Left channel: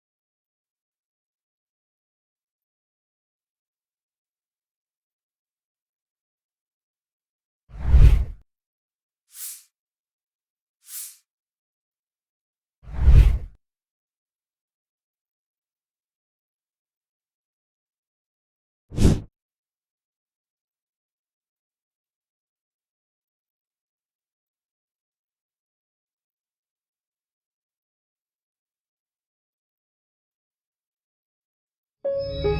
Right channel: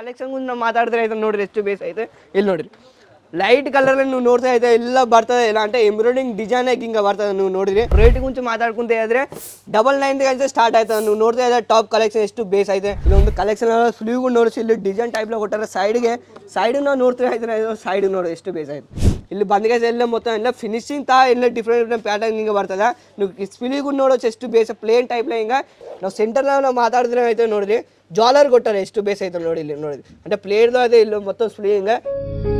Collection ಮುಂದೆ ನಾವು ಮಾತಾಡಿದ್ರೆ ಆಯ್ತು ನೋಡಿರಿ ಎಷ್ಟು ಬೇಸ್ ಐತೆ ಇಲ್ಲಿ ನೋಡಿರಿ. ಲೈಟ್ ಕಲರ್ ನೀವು ನೋಡ್ತಾ ಇದೆ ಎಲ್ಲ ಬರ್ತದೆ. ಇಲ್ಲ ಅಂತ ಎಂಬ್ರಾಯ್ಡಿಂಗ್ ಡಿಸೈನ್ ಆಗಿ ಹಿಂಗೆ ಬರ್ತದೆ ನೀವು ನೋಡಿದ್ರಿ. ರೇಟ್ ಮುಂಚೆ ಮಾತಾಡ್ಕೊಂತ ಇದ್ರೆ ಡಬಲ್ ನೈನ್ ಅಂತ ಸ್ಟಾರ್ಟ್ ಆಯ್ತದೆ ನೀವು ನೋಡ್ತಾ ಇದ್ದಾರೆ ಟಾಪ್ ಕಲೆಕ್ಷನ್ ಎಷ್ಟು ಬೇಸ್ ಐತೆ ಇಲ್ಲೊಂದು ಕಲೆಕ್ಷನ್ ಸ್ಲೀವ್ಗೂ ನೋಡಿಸಿ ಇಲ್ಲಿ ಡಿಸೈನ್ ಟೈಪ್ ಕೊಟ್ಟಾರೆ ಸೈಡ್ಗೆ ಸೈಡ್ ನಾವು ನೋಡ್ತಾ ಇದ್ರೆ ಸೈಡ್ ನೋಡಿ ಎಷ್ಟು ಬೇಸ್ ಆಯ್ತು. ಇಲ್ಲಿ ಬಂದ್ಗೈಸ್ ಎಲ್ಲ ಮೊತ್ತ ಎಲ್ಲ ಫಿನಿಶಿಂಗ್ ತಾ ಎಲ್ಲ ಡಿಫ್ರೆಂಟ್ ಡಿಫ್ರೆಂಟ್ ಪ್ಯಾಟರ್ನ್ ಹಿಂಗೆ ಬರ್ತದೆ ನೀವು ಸ್ಪಿಲಿಗೂ ನೋಡೋದು ಎಷ್ಟು ಬೇಸ್ ಪ್ಲೇನ್ ಟೈಪ್ ಹಿಂಗೆ ನಾವು ಸೆಂಟರ್ ನಾವು ಮಾತಾಡಿದ್ರೆ ಐತೆ ನೋಡ್ರಿ ಜಾಲರ್ ಕೊಟ್ಟಾರೆ ಎಷ್ಟು ಬೇಸ್ ಐತೆ ನೋಡಿ ಇಲ್ಲಿ ನೋಡಿ అంటే ಪ್ಲೇಟ್ದು ಅದೇ ಇಲ್ಲಿ ಮೊತ್ತ ಸ್ಪ್ಲಿ ಹಿಂಗೆ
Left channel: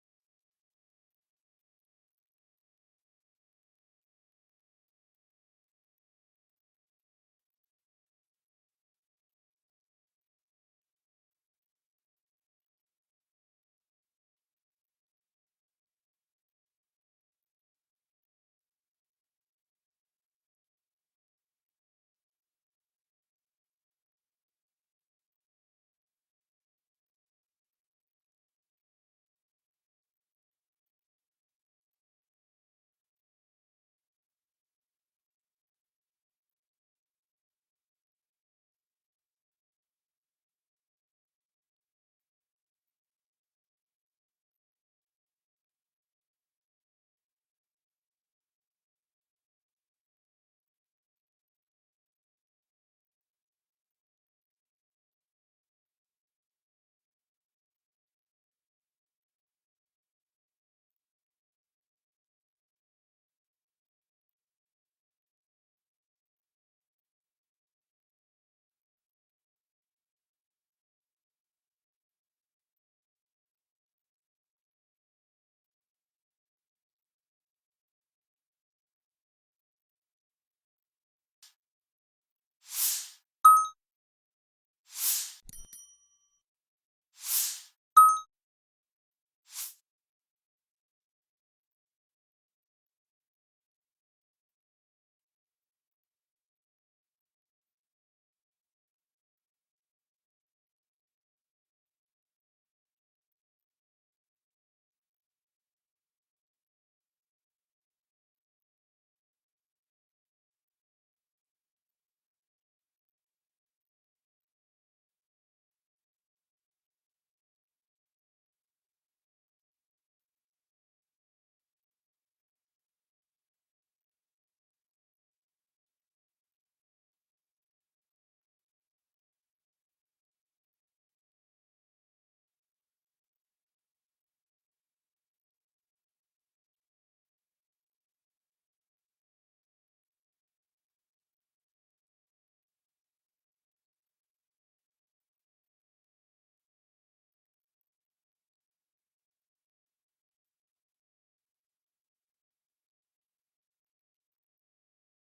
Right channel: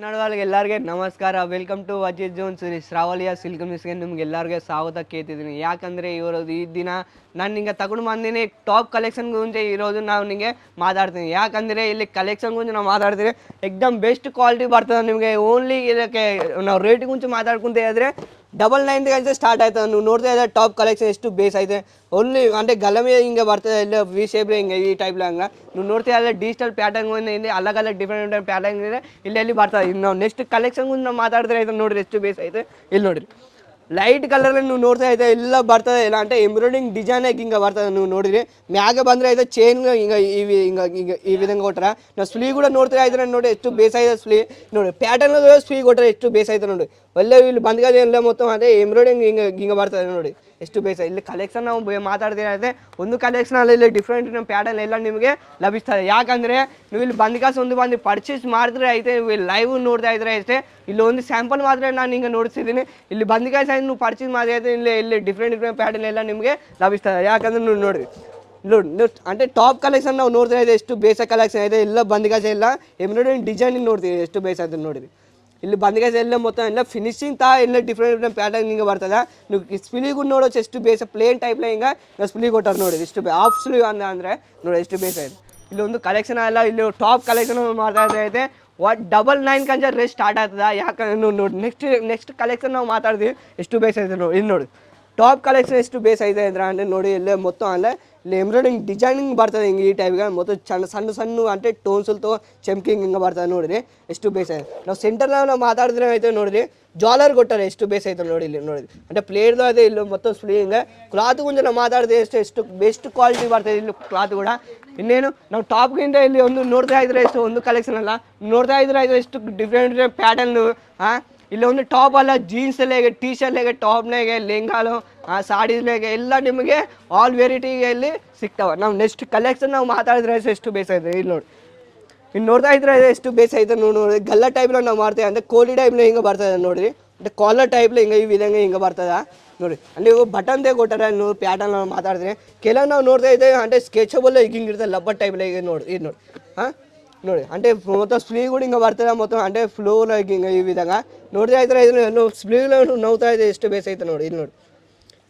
ಕನ್ನಡ ವಾಳಿಗೆ ಎಲ್ಲರಿಗೆ ನಮಸ್ಕಾರ. ವೆಲ್ಕಮ್ ಟು ಅಜಿತ್ ಜೋನ್ ಸರಿ ಶ್ರಾವಳಿಯ ಸಿಲ್ಕ್ ಮಿಸ್ಗೆ ನಿಮ್ಗೆ ಎಲ್ಲರಿಗೆ ಸ್ವಾಗತ ಕೇಳ್ತಿದ್ದೀನಿ. ಯಾಕಂದರೆ ಇವರದ್ದು ಈ ದಿನ ನಾನು ನಿಂಗೆ ತಗೊಂಡು ಬಂದಿನಿ ಟಾಪ್ ಕಲೆಕ್ಷನ್ ಗುಂಜೆ ಇರೋದು ನಾವು ನಿಮಗೆ ಮಾತಾಡ್ತೀನಿ. ಯಾಕಂದರೆ ಇಲ್ಲಿ ಕಲೆಕ್ಷನ್ ಗುಂಜೆ ನಾವು ಮಾತಾಡ್ತೀನಿ ಎಕ್ದಮ್ ಬೆಸ್ಟ್ ಕ್ವಾಲಿಟಿ ಬರ್ತದೆ ನಿಮಗೆ. ಓನ್ಲಿ ಇದಕ್ಕೆ ನಾವು ರೇಟ್ ಗುಂಚು ಮಾತಾಡ್ಕೊಂತ ಹೇಳಿದ್ರೆ ಡಬಲ್ ನೈನ್ ಅಂತ ಸ್ಟಾರ್ಟ್ ಆಯ್ತದೆ ನೀವು ನೋಡ್ತಾ ಇದ್ರೆ ಟಾಪ್ ಕಲೆಕ್ಷನ್ ಎಷ್ಟು ಬೇಸ್ ಐತೆ ಓನ್ಲಿ అంటే ಗಲಮೆ ಹಿಂಗೆ ಬರ್ತದೆ ಎಲ್ಲ ವಿ ಶೇಪ್ ಹಿಂಗೆ ಈ ಟೈಪ್ ಹಂಗೆ ನೀವು ನೋಡ್ತಾ ಇದ್ರೆ ಡಿಜಿಟಲ್ ಪ್ಯಾಟರ್ನ್ ಇಲ್ಲಿ ಅಲಗ್ ಅಲಗ್ ಡಿಫ್ರೆಂಟ್ ಡಿಫ್ರೆಂಟ್ ಪ್ಯಾಟರ್ನ್ ಇದೆ ಇಲ್ಲಿ ಎಲ್ಲಿ ಬರ್ತದೆ ಇನ್ನು ನಾವು ನೆಕ್ಸ್ಟ್ ಕಲೆಕ್ಷನ್ ನಾವು ಮಾತಾಡಿದ್ರೆ ಐತೆ ನೋಡ್ರಿ ಎಷ್ಟು ಬೇಸ್ ಐತೆ ಇಲ್ಲಿ ನೋಡ್ರಿ ಲೈಟ್ ಕಲರ್ ನೀವು ನೋಡ್ತಾ ಇದ್ದೆ ಎಲ್ಲ ಬರ್ತದೆ ಇಲ್ಲ ಅಂತ ಎಂಬ್ರಾಯ್ಡಿಂಗ್ ಡಿಸೈನ್ ಆಗಿ ಹಿಂಗೆ ಬರ್ತದೆ ನೀವು ನೋಡಿರಿ ಮ್ಯಾಗೆ ಬಂದ್ರೆ ಐತೆ ಚೈನ್ ಹಿಂಗೆ ಈ ಹಿಂಗೆ ಹಿಂಗೆ ಈ ವಿಧಂಗೆ ಕೊಟ್ರ ನಾವು ಸ್ಲೀವ್ ಕೂಡ ನೋಡ್ತಾ ಇದ್ರೆ ನೋಡಿ ಎಷ್ಟು ಬೇಸ್ ಐತೆ ಸ್ಲೀ. ನೋಡಿ ಪ್ಯಾಟರ್ನ್ ಸ್ಲೀವ್ ಕೊಟ್ಟರೆ ಎಷ್ಟು ಬೇಸ್ ಐತೆ ನೋಡಿ. ಒಳ್ಳೆ ಇಲ್ಲಿ ಬಂದ್ಗಾದ ಎಲ್ಲ ಮೊತ್ತ ಅದೇ ಎಂಬ್ರಾಯ್ಡಿಂಗ್ ಹಿಂಗೆ ಹಿಂಗೆ ಬರ್ತದೆ ನೋಡಿ. ಎಷ್ಟು ಬೇಸ ಇಲ್ಲಿ ಕಲೆಕ್ಷನ್ ನಾವು ಮಾತಾಡ್ತೀರ ಒಂದು ಕಲೆಕ್ಷನ್ ಅಲ್ಲಿ ಇಲ್ಲಿ ಡಿಫ್ರೆಂಟ್ ಪ್ಯಾಟರ್ನ್ ಎಲ್ಲ ನಿಮಗೆ ಲಭಿಸ್ತದೆ ಯಾಕಂದ್ರೆ ನೀವು ಇಲ್ಲಿ ಬಂದ ಕಾಸು ಒಂದು ಬಂದು ಪರ್ಚೇಸ್ ಮಾಡಿದ್ರೆ ಐತೆ ಲೈವ್ ನೋಡ್ತಾ ಇದ್ರೆ ಐತೆ ಇಲ್ಲಿ ಒಂದು ಸ್ಯಾಂಪಲ್ ಮಾತ್ರ ನಾನು ಹಿಂಗೆ ನೋಡ್ತಿದ್ದೀನಿ. ಇಲ್ಲಿ ಬಂದ ನೀವು ಪರ್ಚೇಸ್ ಮಾಡಿದ್ರೆ ಇಲ್ಲಿ ಇಲ್ಲಿ ಡಿಫ್ರೆಂಟ್ ಡಿಫ್ರೆಂಟ್ ಪ್ಯಾಟರ್ನ್ ಎಲ್ಲ ನಿಮಗೆ ಲಭಿಸ್ತದೆ. ಯಾಕಂದ್ರೆ ನೀವು ನೋಡಿ ನೋಡಿ అంటే ಟಾಪ್ ಕಲೆಕ್ಷನ್ ನಾವು ನೋಡ್ತಾ ಇದೆ ಎಷ್ಟು ಬೇಸ ಕಲೆಕ್ಷನ್ ಇದೆ. ಎಲ್ಲ ಬಂದಿಗಾಸ ಎಲ್ಲ ಎಂಬ್ರಾಯ್ಡಿಂಗ್ ಡಿಸೈನ್ ನೋಡ್ತೀವಿ, ಎಷ್ಟು ಬೇಸ ಅಂತ ನೋಡಿರಿ. ಇಲ್ಲಿ ಬಂದಿಗಾಸ ಎಲ್ಲ ಮೊತ್ತ ಎಲ್ಲ ಫಿನಿಶಿಂಗ್ ತಾ ಎಲ್ಲ ಡಿಫ್ರೆಂಟ್ ಡಿಫ್ರೆಂಟ್ ಪ್ಯಾಟರ್ನ್ ಹಿಂಗೆ ಬರ್ತದೆ. ನೀವು ಸ್ಪಿಲಿಗೂ ನೋಡೋದು ಎಷ್ಟು ಬೇಸ ಪ್ಲೇನ್ ಟೈಪ್ ಹಿಂಗೆ ಸ್ಪಿಲಿ ಕೊಟ್ಟಾರೆ ನೋಡಿ ಎಷ್ಟು ಆಫ್ ಸ್ಲೀವ್ ಅಂದ ಅಂದರೆ ನೋಡಿ ಎಷ್ಟು ಬೇಸ ಇದೆ. ಇಲ್ಲಿ ಒಂದು ಕಲೆಕ್ಷನ್ ಎಲ್ಲ ಇಲ್ಲಿ ಟಾಪ್ ಕಲೆಕ್ಷನ್ ಮಾಡ್ತಾ ಇದ್ರೆ ಒಟ್ ಡಬಲ್ ನೈನ್ ಕಂಜ ರೇಸ್ ಸ್ಟಾರ್ಟ್ ಆಗ್ತದೆ? ಯಾಕಂದ್ರೆ ನೋಡಿ ನೆಕ್ಸ್ಟ್ ನೆಕ್ಸ್ಟ್ ಕಲೆಕ್ಷನ್ ನಾವು ಮಾತಾಡ್ತೀವಿ. ಎಷ್ಟು ಬೇಸ್ ಐತೆ ನೋಡಿ, ಇಲ್ಲಿ ನೋಡಿ. ಟಾಪ್ ಕಲೆಕ್ಷನ್ ಎಷ್ಟು ಬೇಸ್ ಐತೆ ಅಂದ್ರೆ ನೋಡಿ ಇಲ್ಲೇ ಮೊತ್ತ ಅಲ್ಲೇ ಇಲ್ಲಿ ಎಂಬ್ರಾಯ್ಡಿಂಗ್ ಡಿಸೈನಿಂಗ್ ಬರ್ತದೆ ಹಿಂಗೆ ಈ ಟೈಪ್ಗೆ ಮತ್ತು ಸಣ್ಣ ಸಣ್ಣ ಸಣ್ಣ ಟೋನ್ಸ್ ಟೋನ್ಸಲ್ತು ಚಮ್ಕಿಂಗ್ ಹಿಂಗೆ ಬರ್ತದೆ ನೋಡಿರಿ. ಎಷ್ಟು ಬೇಸ್ ಐತೆ. ನಾವು ಸೆಂಟರ್ನಾಗ ನಾವು ಮಾತಾಡಿದ್ರೆ ಐತೆ ನೋಡಿರಿ. ಜಾಲರ್ ಕೊಟ್ಟಾರೆ ಎಷ್ಟು ಬೇಸ್ ಐತೆ ನೋಡಿ ಇಲ್ಲಿ ನೋಡಿರಿ. ಅಂದರೆ ಪ್ಲೇಟ್ದು ಅದೇ ಇಲ್ಲಿ ಮೊತ್ತ ಸ್ಲೀ ಹಿಂಗೆ. ಕ್ಲಾತ್ ಗುಂಜು ನಾವು ಮಾತಾಡಿದ್ರೆ ಎಷ್ಟು ಎಷ್ಟು ಬೆಸ್ಟ್ ಕ್ವಾಲಿಟಿ ಬರ್ತದೆ ಇಲ್ಲಿ ಕ್ಲಾತ್ ಕೂಡ. ಇನ್ನೇನು, ನಾವು ಟಾಪ್ಗಿಂತ ಇಲ್ಲಿ ಒಂದು ನೋಡ್ತಾ ಇದ್ರೆ ಎಷ್ಟು, ಒಂದು ಕಲೆಕ್ಷನ್ ಅಲ್ಲ, ನೋಡ್ತಾ ಇದ್ರೆ ಇದು ಎಷ್ಟು ಡಿಫ್ರೆಂಟ್ ಡಿಫ್ರೆಂಟ್ ಪ್ಯಾಟರ್ನು ಹಾಂ ಇಲ್ಲಿ ಒಂದು ಟಾಪ್ ಅಲ್ಲ ಜೀನ್ಸಲ್ಲಿಗೆ ಟೀ ಹೇಗೆ ಟಾಪ್ನಾಗೆ ಲೆಂಗಾಲು ಸಾಡೀಸ್ನಾಗೆ ಎಲ್ಲ ನಿಮಗೆ ಆಲ್ ವೆರೈಟಿಗೆ ಇಲ್ಲಿ ಸಿಗ್ತಾವೆ. ನಾವು ನೆಕ್ಸ್ಟ್ ಕಲೆಕ್ಷನ್ ನಾವು ಮಾತಾಡಿದ್ರೆ ಎಷ್ಟು ಬೇಸ್ ಇದೆ, ಇಲ್ಲಿ ನೋಡಿ. ಇನ್ನು ನೋಡ್ತಾ ಇದ್ರೆ ಎಷ್ಟು ಬೇಸ್ ಐತೆ ನೋಡಿ ನೋಡಿ. ಗಲ್ಲ ಟೈಪ್ನ ನಾವು ಮಾಡ್ತೇವೆ, ಅಂದರೆ ಕೋಲಿ ಟೈಪ್ನ ಹಿಂಗೆ ಬರ್ತದೆ ನೋಡಿರಿ. ಅಂದ್ರೆ ಕಾಲರ್ ಟೈಪ್ಲ ಹಿಂಗೆ, ಈ ವಿಧಂಗೆ ಹಿಂಗೆ ಬರ್ತದ. ನೋಡಿ ಅಲ್ಲಿ ಬಟನ್ದೇ ಕೊಟ್ಟಾರೆ ನೀವು ಪ್ಯಾಟರ್ನ್ ನಾವು ಮಾತಾಡಿದ್ರೆ ಕೆಲವು ನಾವು ನೋಡ್ತಾ ಇದ್ದೇವೆ అంటే ಸ್ಕೆಚಬಲ್ ಈಗ ಹಿಂಗೆ ಇರ್ತದೆ ಲಬ್ಬರ್ ಟೈಪ್ಲ ಈಗ ನೋಡಿ ಇದು ನೋಡಿ ಹಾಂ ನೋಡಿ అంటే మొత్తం స్లీవ్ కూడా ఇంకా పడుతుందా మొత్తం అంటే ఫ్లోలో ఇంకా ఈ విధంగా ನೋಡ್ತಾ ಇದ್ರೆ ಇದು ಸ್ಲೀವ್ ನೋವ್ತಾ ಇದೆ ಎಷ್ಟು ಬೇಸ್ ಐತೆ ನೋಡಿ ಇಲ್ಲಿ ನೋಡಿ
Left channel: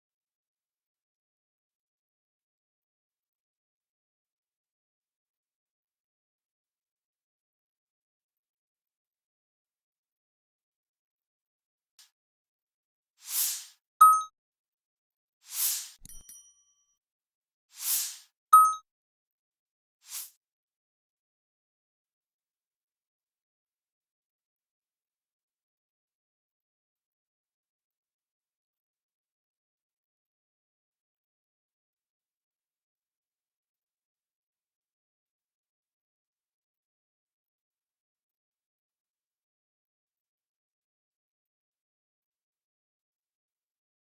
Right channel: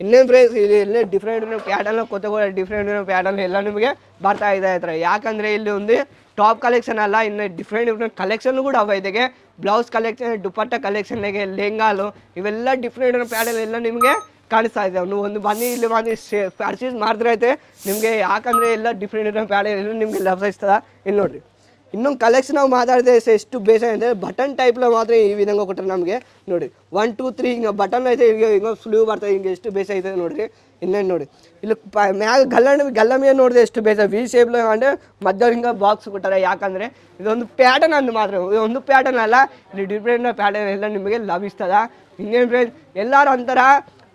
ಇನ್ನೇನು ಪ್ರೈಸ್ ಇಲ್ಲಿ ಎಲ್ಲ ಡಿಫ್ರೆಂಟ್ ಪ್ಯಾಟರ್ನ್ ಕೊತ್ತಗೋ ಡಿಫ್ರೆಂಟ್ ಪ್ಯಾಟರ್ನ್ ಎಲ್ಲ ನಿಮಗೆ ಬರ್ತಾ ಇದೆ ಹತ್ರ. ಯಾಕಂದರೆ ಇಲ್ಲಿ ಒಂದು ಟಾಪ್ ಕಲೆಕ್ಷನ್ ಅಲ್ಲ, ಇನ್ನು ಡಿಫ್ರೆಂಟ್ ಡಿಫ್ರೆಂಟ್ ಕಲೆಕ್ಷನ್ ಕೂಡ ಅವ ಇದಕ್ಕೆ ಬ್ಲೌಸ್ ಕಲೆಕ್ಷನ್ ದುಪಟ್ಟ ಕಲೆಕ್ಷನ್ಗೆ ಲೆಂಗಾಲು, ಇವೆಲ್ಲ ಡಿಫ್ರೆಂಟ್ ಪ್ಯಾಟರ್ನ್ ಎಲ್ಲ ನಿಮಗೆ ಕಾಣಿಸ್ತಾ ಇದೆ. ನೀವು ಒಂದು ಬನ್ನಿ, ಇಲ್ಲಿ ಬಂದು ಪರ್ಚೇಸ್ ಮಾಡಿದ್ರೆ ಐತೆ ನಿಮಗೆ ಯಾಕಂದರೆ ಎಲ್ಲ ಡಿಫ್ರೆಂಟ್ ಡಿಫ್ರೆಂಟ್ ಪ್ಯಾಟರ್ನ್ ಎಲ್ಲ ನಿಮಗೆ ಲಭಿಸ್ತದೆ ಇಲ್ಲಿ ನೋಡಿರಿ. ಇನ್ನೊಂದು ಕಲೆಕ್ಷನ್ ನಾವು ಮಾತಾಡಿದ್ರೆ ಸ- ಎಷ್ಟು ಬೇಸ ಅಂದರೆ ಬಟನ್ ಟೈಪ್ಲ ಮಾತ್ರ ಈ ವಿಧಂಗ ಕೊಟ್ಟರೆ ನಮಗೆ ನೋಡಿ. ಒನ್ ಟೂ ತ್ರೀ ಹಿಂಗೆ ಬಟನ್ ಐತೆ ಹಿಂಗೆ ಹಿಂಗೆ ಫ್ಲೂ ಬರ್ತದೆ ಹಿಂಗೆ ಎಷ್ಟು ಬೇಸ ಐತೆ ನೋಡಿರಿ. ಇನ್ನೇನು ನೋಡಿ. ಇಲ್ಲಿ ಪ ಮ್ಯಾಗ ಗಲ್ಲಣ, ಗಲ್ಲಮಿಯ ನೋಡಿದೆ ಎಷ್ಟು ಬೇಸ ವಿ ಶೇಪ್ಲ ಅಂದರೆ ಮಧ್ಯ ಹಿಂಗೆ ಬಾಕ್ಸ್ ಕೊಟ್ಟಾರೆ. ಯಾಕಂದರೆ ಇದೊಂದು ಪ್ಯಾಟರ್ನ್ ಅಂದು ಮಾತ್ರ. ಇದೊಂದು ಪ್ಯಾಟರ್ನ್ ಅಲ್ಲ. ಇಲ್ಲಿ ಡಿಫ್ರೆಂಟ್ ಪ್ಯಾಟರ್ನ್ ಎಲ್ಲ ನಿಮಗೆ ಲಭಿಸ್ತದ. ಹಿಂಗೇನು ಫ್ರೆಂಡ್ಸ್ ಎಲ್ಲರೂ ಅಂತಾರ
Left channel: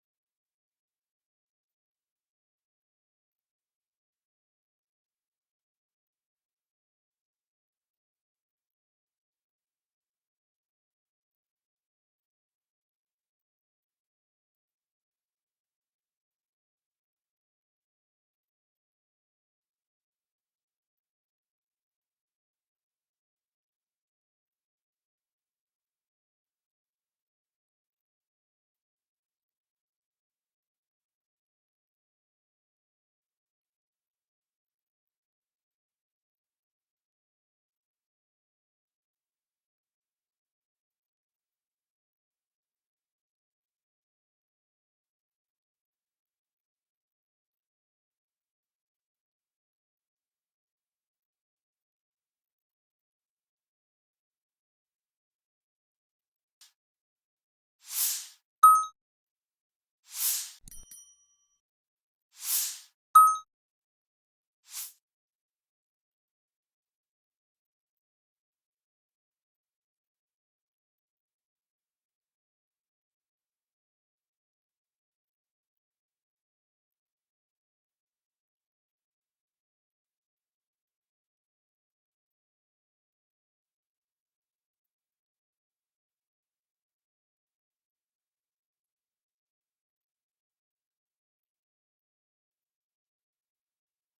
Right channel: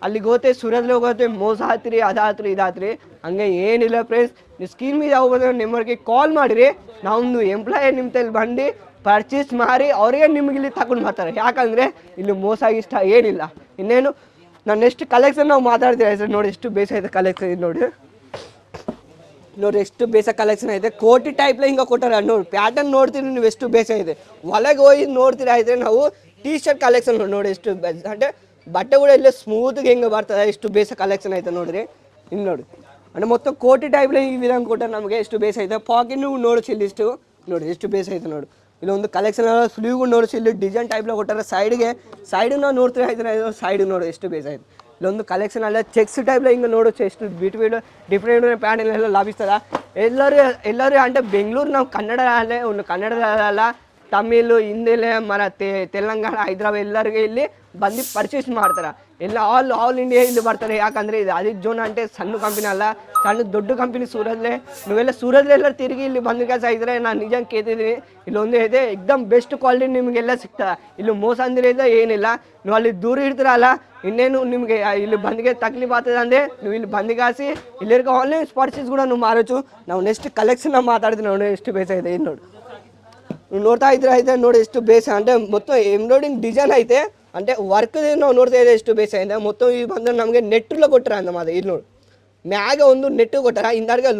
ಅಲ್ಲಿಗೆ ಹೋಗ್ತೆ ಸೂರ್ಯದಲ್ಲಿ ಹೋಗುತ್ತೆ ಮೋಸ ಹಾತ್ರಿ ಅದಾತ್ರಿ ಇದಾತ್ರಿ ಹಂಗೆ ಏನಿಲ್ಲ ಫ್ರೆಂಡ್ಸ್ ನೀವು ಸ್ಕೀಮ್ ಇದು ಹೋಗೋದ್ರೆ ನಿಮ್ಮವ್ರಿಗೆ ಕಾಲ್ ಮಾಡಿರಿ, ನಾವೊಂದು ಎಂಪ್ಲಾಯರ್ ನಿಮ್ಮ ತಲೆ ಬಂದು ಪರ್ಚೇಸ್ ಮಾಡಿ ಅವ್ರಿಗೆ ನಿಮ್ಗೆ ಇಲ್ಲಿ ತಗೊಂಡು ಮಾಡ್ತಾರೆ ಯಾಕಂದರೆ ಇಲ್ಲಿ ಮೋಸ ಇಷ್ಟ ಏನಿಲ್ಲ. ಇನ್ನೇನು, ನಾನು ಎಷ್ಟು ಕಲೆಕ್ಷನ್ ನಾವು ಮಾತಾಡ್ತೀವಿ ಸರ್ ನೋಡಿ ಎಷ್ಟು ಬೇಸ ಐತೆ ಕಲೆಕ್ಷನ್ ಇದು ನೋಡಿ. ನೋಡಿ ಎಷ್ಟು ಬೇಸ ಕಲೆಕ್ಷನ್ ಐತೆ ಕೋಟಿ ಟೈಪ್ಲ ಹಿಂಗೆ ಕೊಟ್ಟಾರೆ ನೋಡಿ ಪ್ಯಾಟರ್ನ್ ನೋಡ್ತೀರಿ ನೀವು ಎಷ್ಟು ಬೇಸ ಇದೆ. ಒಳಗೆ ಹೋಗಿ ನೋಡ್ತೀರಾ ಆದರೆ ನಾವು ಟೀ ಶರ್ಟ್ ಕಲೆಕ್ಷನ್ ನೋಡಿ ಎಷ್ಟು ಅಂದರೆ ಬಟ್ಟೆಗಳು ಎಲ್ಲ ಸ್ಮೂತ್ಗೆ ಹೆಂಗೆ ಬರ್ತದೆ, ಎಷ್ಟು ಬೇಸ ಕಲೆಕ್ಷನ್ ಆಯ್ತು ನೋಡ್ರಿ. ಇನ್ನು ನೋಡಿ. ಅಂದರೆ ಮೊತ್ತ ಕೋಟಿ ಟೈಪ್ಲೆ ಈ ವಿಧಾನ ಕೊಟ್ಟರೆ ನಮಗೆ ಎಷ್ಟು ಬೇಸ ಆಯ್ತು ಪಾಕೆಟ್ನು ನೋಡಿಸಿ ಇಲ್ಲಿ ಇಷ್ಟು. ನೋಡಿ ಎಷ್ಟು ಬೇಸ ಆಯ್ತು ನೋಡಿ. ಇಲ್ಲಿ ಒಂದು ಕಲೆಕ್ಷನ್ ಸ್ಲೀವ್ ನೋಡಿಸಿ ಇಲ್ಲಿ ಡಿಸೈನ್ ಟೈಪ್ಲೆ ಕೊಟ್ಟಾರ ಸೈಡ್ಗೆ ಸೈಡಿಗೆ ನಾವು ನೋಡ್ತೀರಾ ಆಯ್ತು ಸೈಡ್ ನೋಡಿ, ಎಷ್ಟು ಬೇಸ ಆಯ್ತು. ಇಲ್ಲೊಂದು ಕಲೆಕ್ಷನ್ ಅಲ್ಲ ಚೆಕ್ಸ್ ಟೈಪ್ಲ ಹಿಂಗೆ ನೋಡೋದು ಎಷ್ಟು ಬಿಟ್ ಬಿಟ್ ಡಿಫ್ರೆಂಟ್ ಪ್ಯಾಂಟ್ ಎಲ್ಲ ಲಭಿಸ್ತದ. ಎಲ್ಲರೂ ಎಲ್ಲರೂ ಅಂದರೆ ಬೆಂಗಳೂರು ನಾವು ಕನ್ನಡ ಅಲ್ಲೇ, ಒಂದು ಕನ್ನಡದಲ್ಲ ತಮಿಳ್ ಹಿಂದಿಲೆ ಮರ ತೆ- ತೆಲಂಗಾಣ ಹೈದ್ರಾಬಾದ್ ಎಲ್ಲರಿಗೆ ಇಲ್ಲಿ ಬಂದು ಪರ್ಚೇಸ್ ಮಾಡ್ತಾರೆ ಎಲ್ಲ ಆಲ್ ಆಲ್ ಇಂಡಿಯಾ ಇಲ್ಲಿ ಬರ್ತಾರೆ ಯಾಕಂದ್ರೆ ಇದು ಅಜಿತ್ ಜೋನ್ అంటే ಸಣ್ಣ ಕಂಪನಿ ಅಲ್ಲ ಸಣ್ಣ ದೊಡ್ಡ ಕಂಪನಿ ಸೂರತ್ಲೆ ನೀವೆಲ್ಲ ಸೂರತ್ಲೆ ಎಲ್ಲ ತಿರುಗಿ ಇಲ್ಲಿ ಬಂದು ಕೆಲಸ ಇದ್ರೆ ನಾನು ನಿಜ ಕೇಳ್ತಿದ್ದೀನಿ ಇಲ್ಲೊಂದು ಇದೆ ಎಕ್ದಮ್ ಬೆಸ್ಟ್ ಕ್ವಾಲಿಟಿ ನಿಮಗೆಲ್ಲ ಸಿಗ್ತದೆ ಇಲ್ಲಿ ಮೋಸ ಅಂದ್ರೆ ಇಲ್ಲ ಏನಿಲ್ಲ ನೀವು ಅಲ್ಲಿ ದೂರ ಇರ್ತೀರಲ್ಲ ಇನ್ನೇನು ನಿಮಗೆ ಇಲ್ಲಿ ಬಂದಿಗೆ ತಕ್ಲೀಫ್ ಆಗ್ತದೆ ಅಂದ್ರೆ ನೀವು ಇಲ್ಲಿ ಬಂದಿಗೆ ಹಾಸಿ ಇಲ್ಲಿರ್ಗ ಆನ್ಲೈನ್ ಪರ್ಚೇಸ್ ಕೂಡ ನೀವು ಮಾರೋಚು ನಾವು ನೆಕ್ಸ್ಟ್ ಕಲೆಕ್ಷನ್ ಮಾತಾಡ್ತೀವಿ ನೋಡಿ ಎಷ್ಟು ಬೇಸ ಇದೆ ಇದು ನೋಡಿ ನೀವು ನೋಡ್ತಾ ಇದ್ರೆ ಐತೆ ನೋಡಿ ಎಷ್ಟು ಬೇಸ ಅಂದರೆ ಮೊತ್ತ ಎಂಬ್ರಾಯ್ಡಿಂಗ್ ಡಿಸೈನ್ ಐತೆ. ಅಂದರೆ ವರ್ಕ್ ನಾವು ನೋಡ್ತಾ ಇದ್ದೆ ಎಷ್ಟು ಬೇಸ ಇದೆ ಮೊತ್ತ ಈ ಬಂದ್ರೆ ನಮಗೆ ನೆಟ್ಟಲ್ಲ ಕೊಟ್ಟರ ಮಾದ ಇಲ್ಲಿ ನೋಡಿ. ಮ್ಯಾಗೆ ಒಂದು ನೆಟ್ಟು ಕೊಟ್ಟಾರ. ಇಂದಾಡ್ಗೆ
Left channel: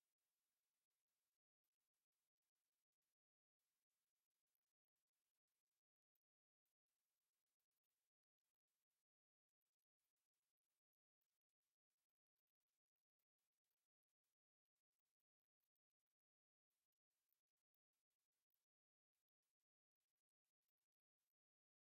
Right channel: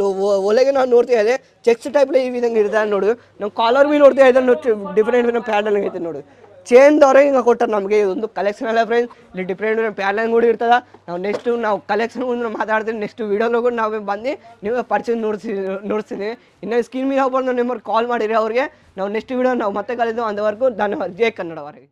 ಒಲೆಗೆ ನಾವು ನೋಡ್ತಾ ಇದ್ದೆ ಚೆಕ್ಸ್ ಟೈಪ್ ಈ ವಿಧಂಗೆ ಇರ್ತಾರೆ ನೋಡು. ನಮ್ಮ ಕಾಲರ್ ಭೀ ನೋಡ್ತಾ ಇದ್ದೆ ಡಿಫ್ರೆಂಟ್ ಡಿಫ್ರೆಂಟ್ ಪ್ಯಾಟರ್ನ್ ಐತೆ ನೋಡು. ಚೇಂದವ್ರೆ ಹಿಂಗೆ ಕೊಟ್ಟರು. ನಮಗೆ ಇದೊಂದು ಕಲೆಕ್ಷನ್ ಅಲ್ಲ ಫ್ರೆಂಡ್ಸ್ ಇಲ್ಲಿ ಡಿಫ್ರೆಂಟ್ ಪ್ಯಾಟರ್ನ್ ಕೂಡ ಇರ್ತದ. ನಾವು ನೆಕ್ಸ್ಟ್ ನಾವು ಕಲೆಕ್ಷನ್ ಮುಂದೆ ಮಾತಾಡ್ತೀನಿ. ನೆಕ್ಸ್ಟ್ ಕೂಡ ನಾವು ಬಂದು ನಿಮಗೆ ಪರ್ಚೇಸ್ ನೋಡಿಸಿ ನೋಡ್ತೀನಿ ಇನ್ನು ಸ್ಕ್ರೀನ್ ಮೇಲೆ ಹೋಗ್ಬೋದು ನಿಮ್ಮವ್ರು ಕಾಲ್ ಮಾಡಿರಿ ಅವ್ರಿಗೆ. ನಾವು ನೆಕ್ಸ್ಟ್ ವೀಡಿಯೋ ನಾವು ಮತ್ತೆ ಕಲಿತು ಅಂದವರೆಗೂ ಧನ್ಯವಾದ. ಜೈ ಕನ್ನಡವರೆಗೆ